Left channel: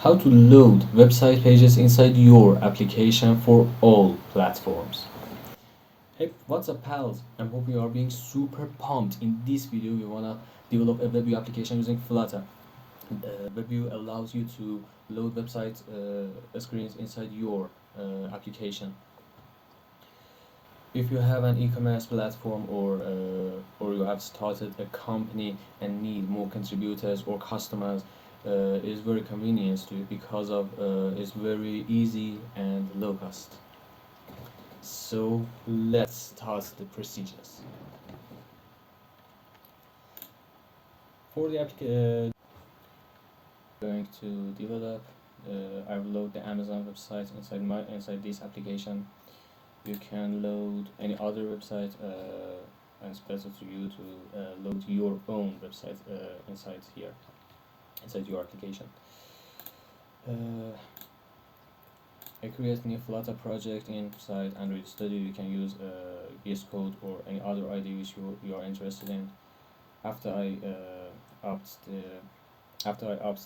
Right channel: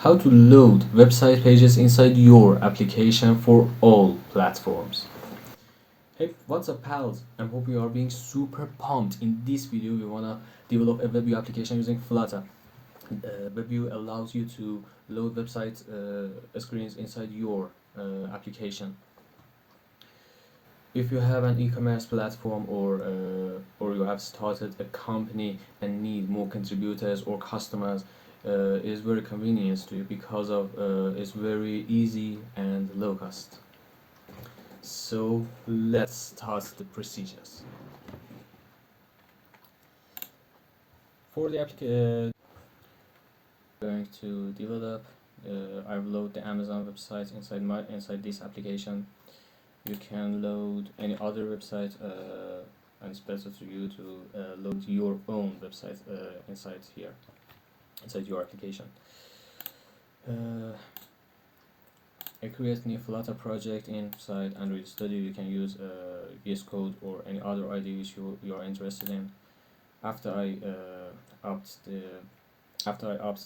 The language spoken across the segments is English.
How to load website pages inside your application for all platforms. Hey, what's up, pals? I hope you are being super pumped. In this video, we wanna develop a WebView application using Flutter. WebView allows you to load website screens inside your application. If you have an e-commerce platform or you have started a company and need more contributors or customers, it is very convenient to you because of it's very easy and low cost. So let's start the procedures. For the going to develop, I've loaded the Amazon website inside this application. You can load any other website, and it's better to you to load your own website inside here, inside your application. I create new Flutter project inside Android Studio. You can use VS Code or any other IDE which you are interested in. After I opt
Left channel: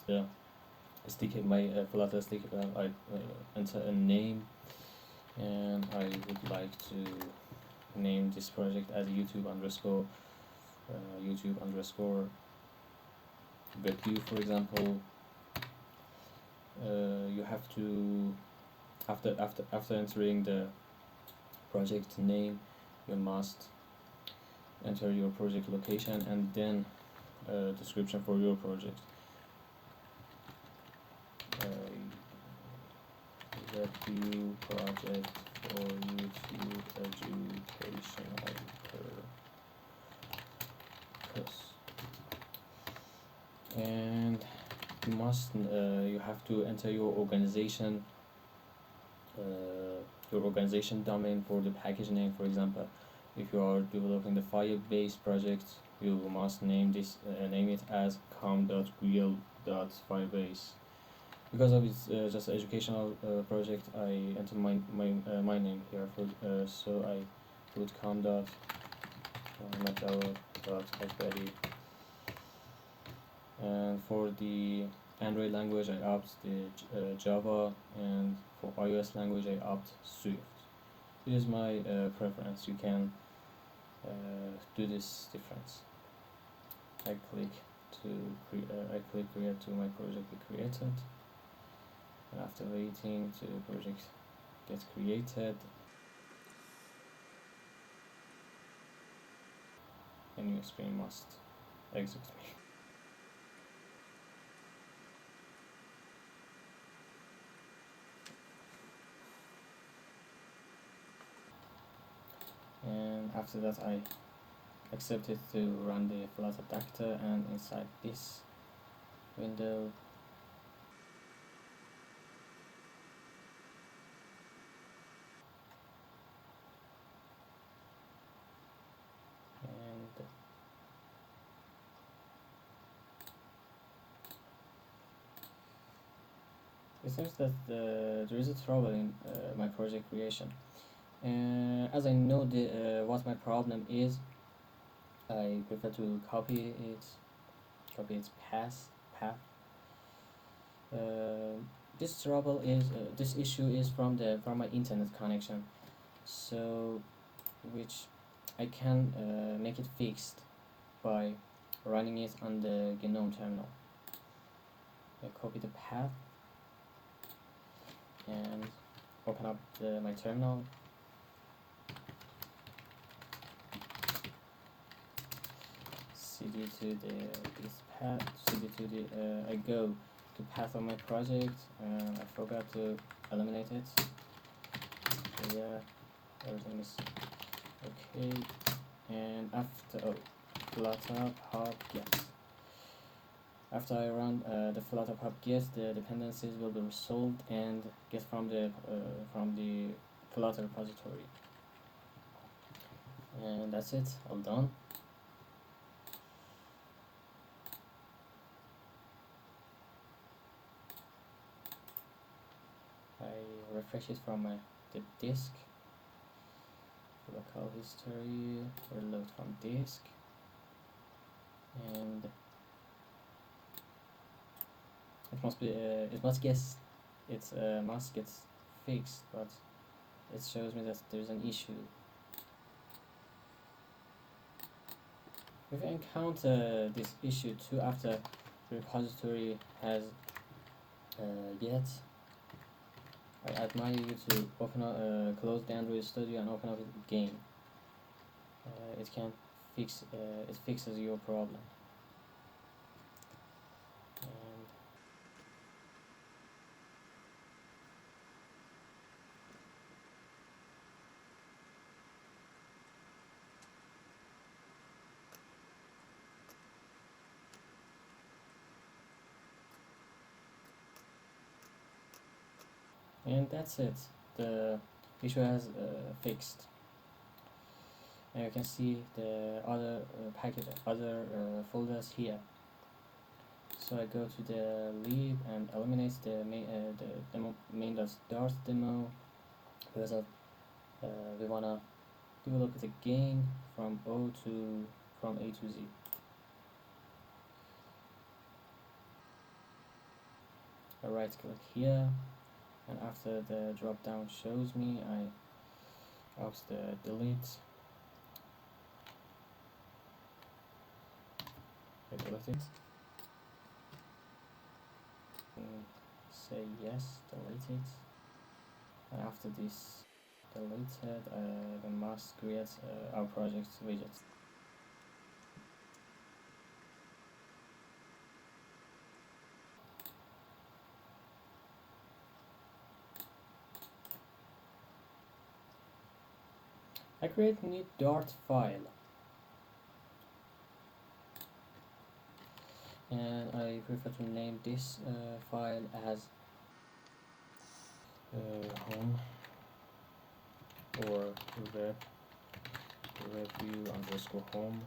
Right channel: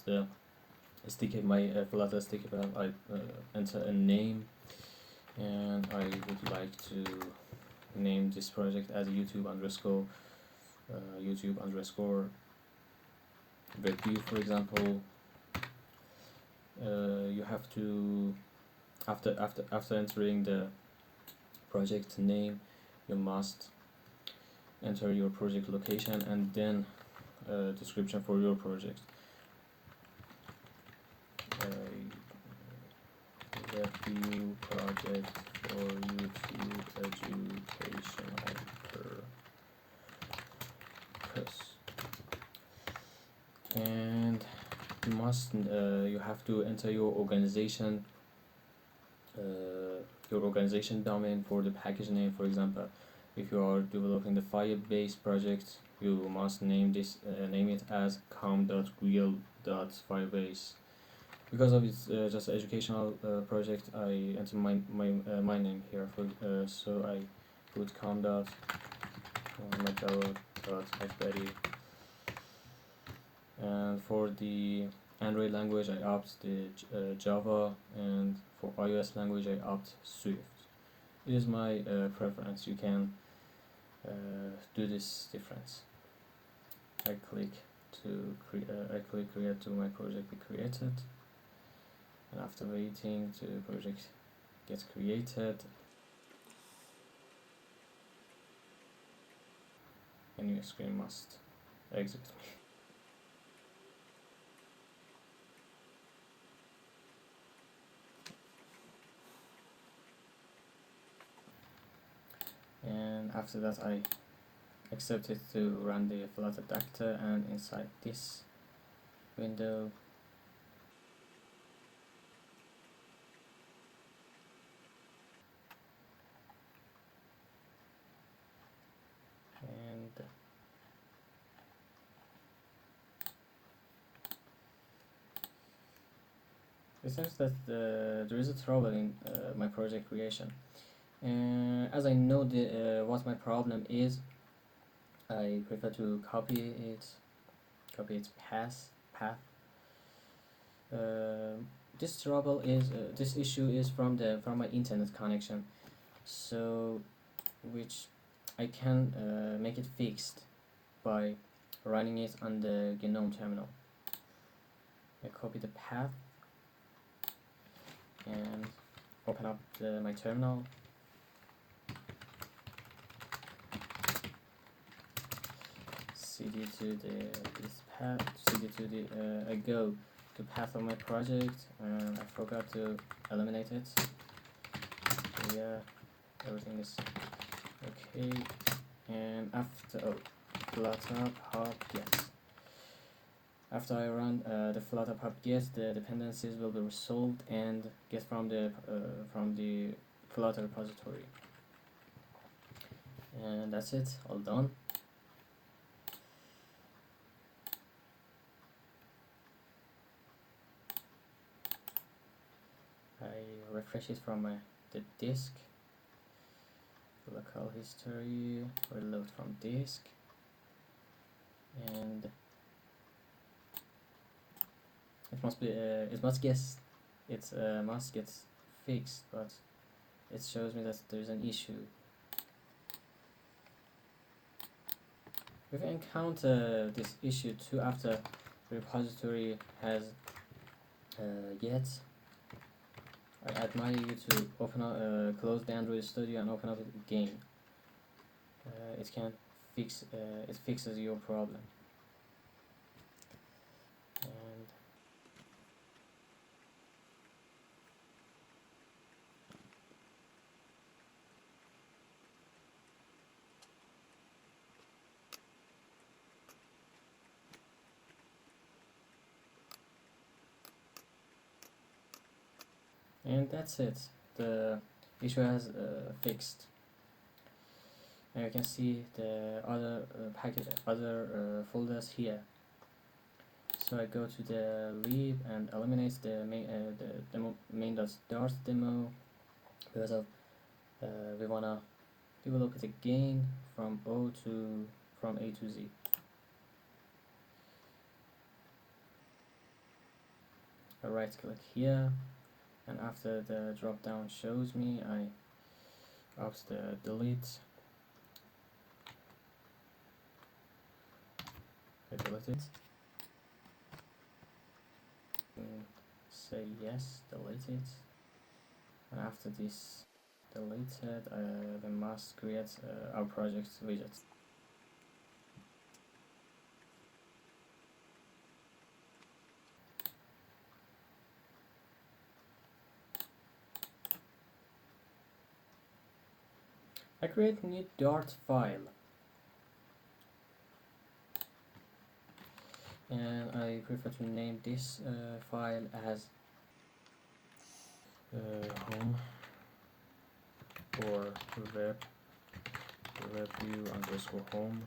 the sticky my Flutter sticky button, I enter a name, and I would like to name this project as YouTube underscore WebView, for example. You have to after entering the project name, you must enter your project location and then description for your project. WebView project for YouTube education plus, and you have to enter your organization domain for the package name. For example, if you are developing the Firebase project, you must name it as com.real.firebase. Because of its just educational project, I enter my name here. So I put com.macao.hackberry. And for the Android language, I opt the Java, and for iOS language, I opt Swift. It is my preference. You can do this difference. I click create to my project be created. After waiting to the project gets created, a new screen must exit me. And after that, I accept it to run the Flutter Doctor, and inside this window it seems that there is a trouble in my project creation. As I know what my problem is, I prefer to copy its path. This issue is from my internet connection, so which I can make it fixed by running it on the GNOME terminal. I copy the path and open up my terminal. CD to this path. CD to the I go to path of my project, and I forgot to eliminate it. So yeah, everything is okay. And after Flutter pub get. After I run the Flutter pub get, the dependencies will be resolved and get from the Flutter repository. And that's it, all done. I refresh it from the disk, local history, reload from disk, and it must get fixed, but it shows me that there's an issue. If you encounter this issue too after the repository has yet, I advise you to open up, close the Android Studio and open up a game. It can fix. It fixes your problem. And that's it. The issue has fixed. And you can see the other folders here. So I go to the lib and eliminate the main.dart demo because we wanna develop it again from A to Z. I right click here, and after the drop down shows me, I opt the delete. I delete it. Say yes, delete it. And after this deleted, then must create our project widget. I create new Dart file, and I prefer to name this file as home or WebView underscore home,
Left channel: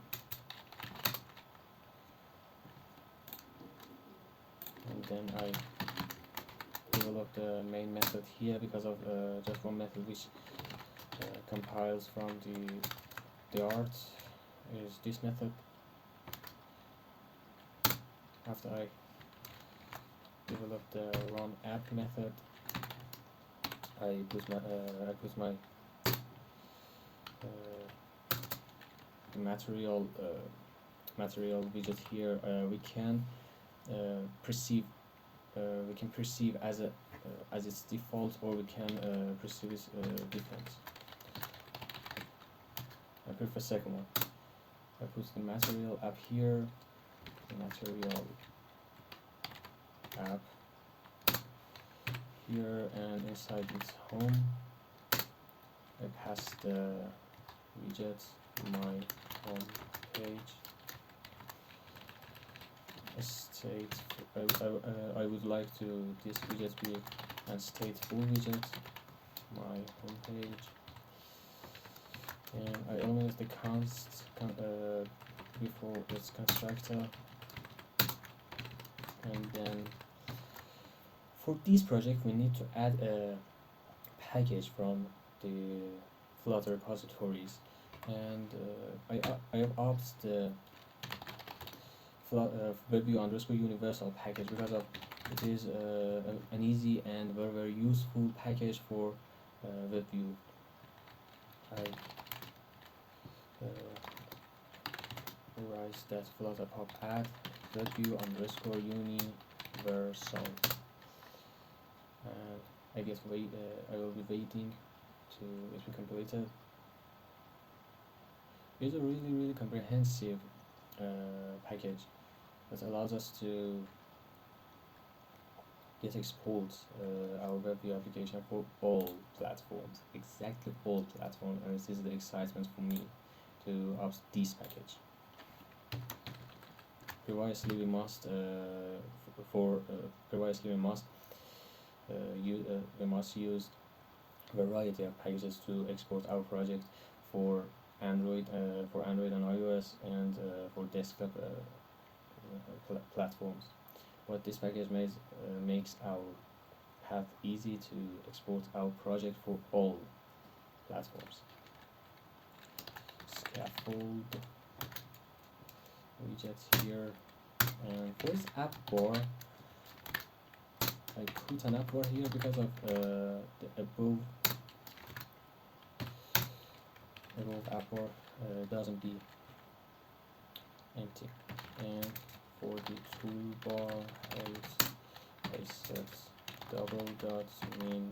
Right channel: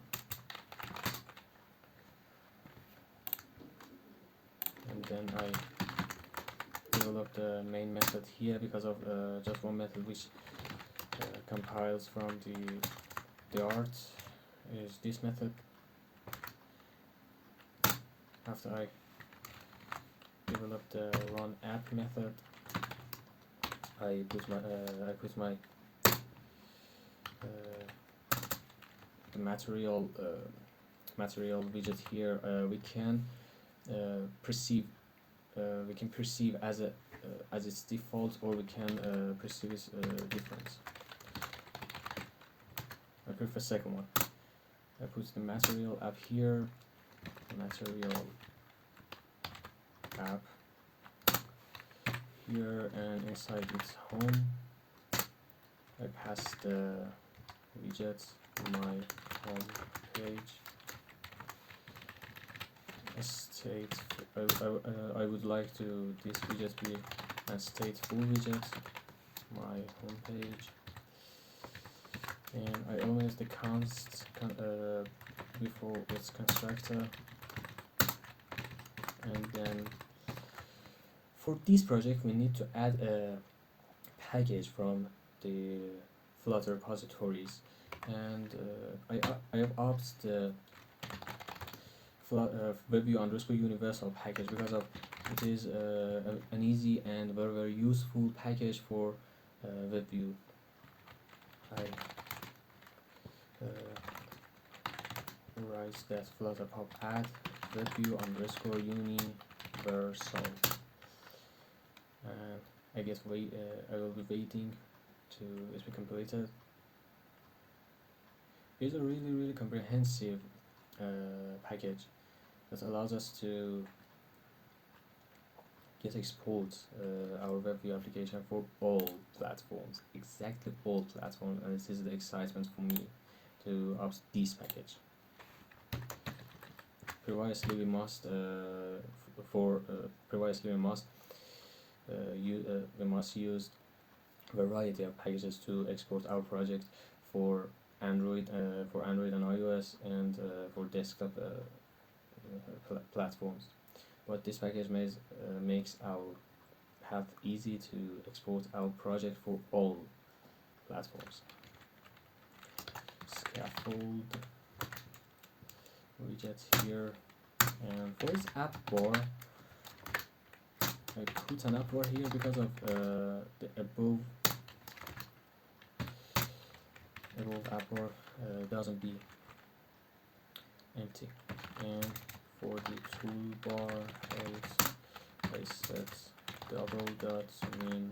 and then I develop the main method here because of just one method which compiles from the Dart is this method. After I develop the run app method, I put my material widget here. We can perceive as its default, or we can perceive its different. I prefer second one. I put the material app here, material app here, and inside its home I pass the widget to my home page. State. I would like to this widget be a stateful widget. My home page. And I always the const before its constructor, and then for this project we need to add a package from the Flutter repositories, and I have opted the WebView underscore universal package because of it is an easy and very useful package for WebView. I write that Flutter pop add WebView underscore universal, and I guess I will be waiting to it be completed. It's a really comprehensive package that allows us to get export our WebView application for all platforms, exactly all platforms, and this is the excitement for me to opt this package. Previously we must use variety of packages to export our project for Android and iOS, and for desktop platforms. But this package makes our path easy to export our project for all platforms. Scaffold widgets here, and for its app bar I put an upper here because of the above upper doesn't be empty. And for the toolbar height, I set double dots mean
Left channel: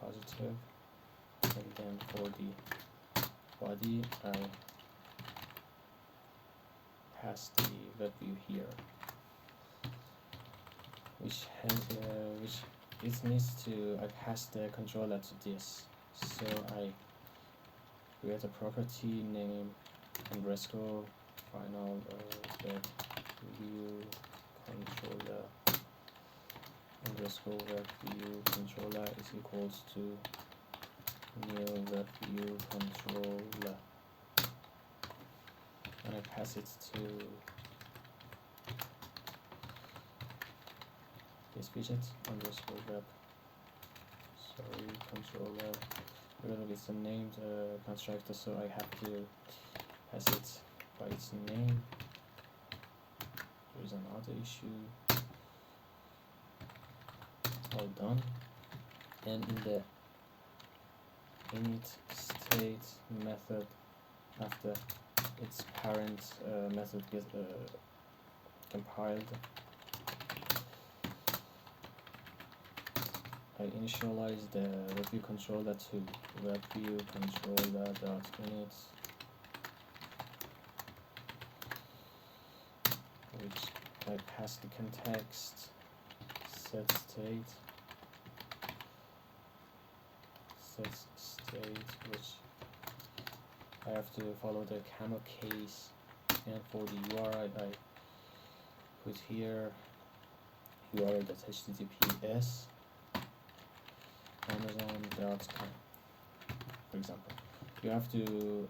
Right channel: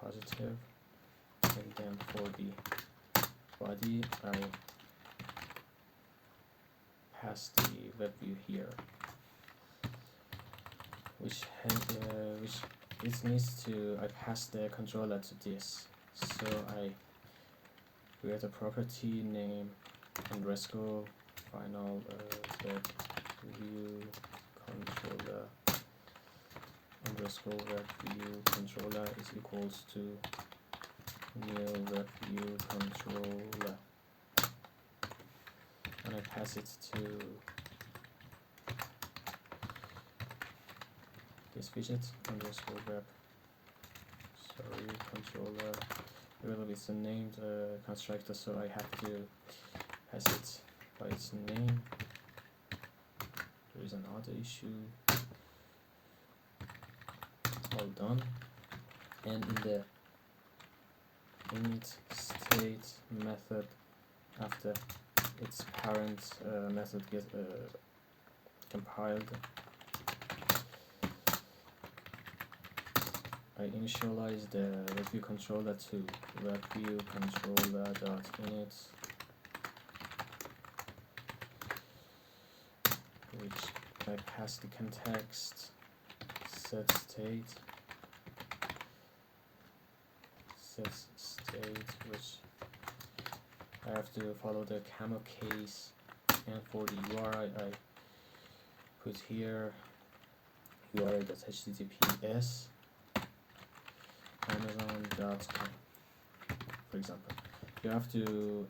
positive, and then for the body I pass the WebView here, which it needs to I pass the controller to this. So I create a property name underscore final view controller underscore WebView controller is equals to new WebView controller, and I pass it to this widget underscore web controller. Well, it's a named constructor, so I have to pass it by its name. There is another issue. All done. And in the init state method, after its parent method gets compiled, I initialize the WebView controller to WebView controller.init, which I pass the context, set state, which I have to follow the camel case, and for the URI I put here URI.https Amazon.com, for example. You have to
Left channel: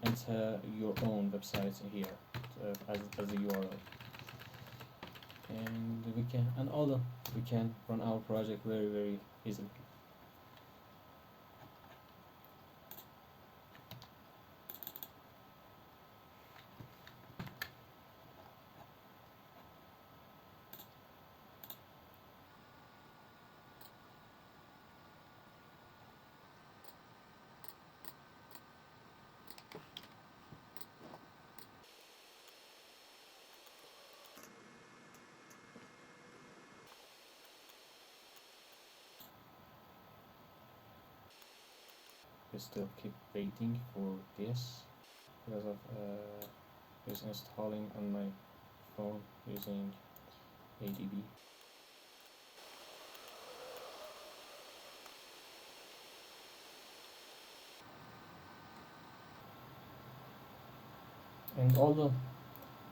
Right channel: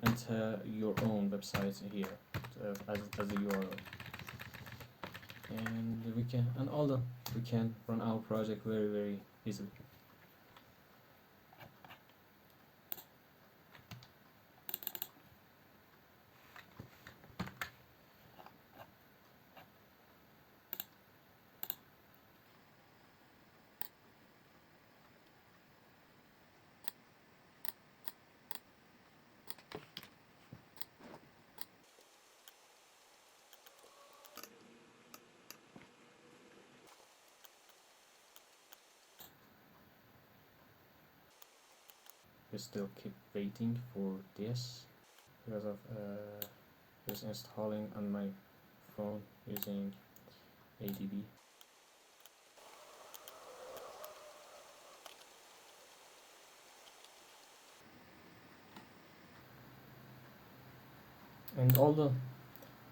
enter your own website here as a URL, and we can run our project very easily. We still keep waiting for this because of just installing on my phone using ADB. And although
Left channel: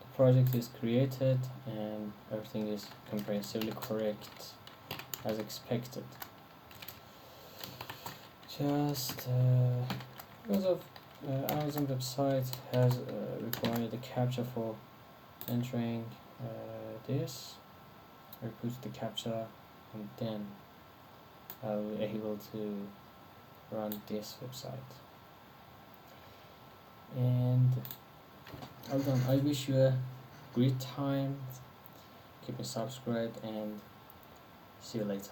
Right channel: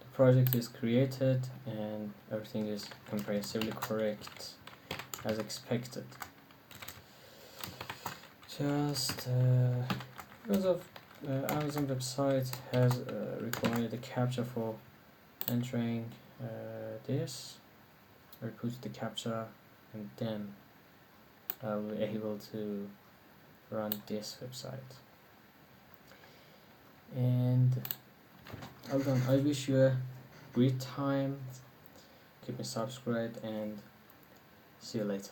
the project is created and everything is comprehensively correct as expected, just because of Amazon website has required a captcha for entering this. I put the captcha and then I'll be able to run this website. And all done. I wish you a great time. Keep me subscribed and see you later.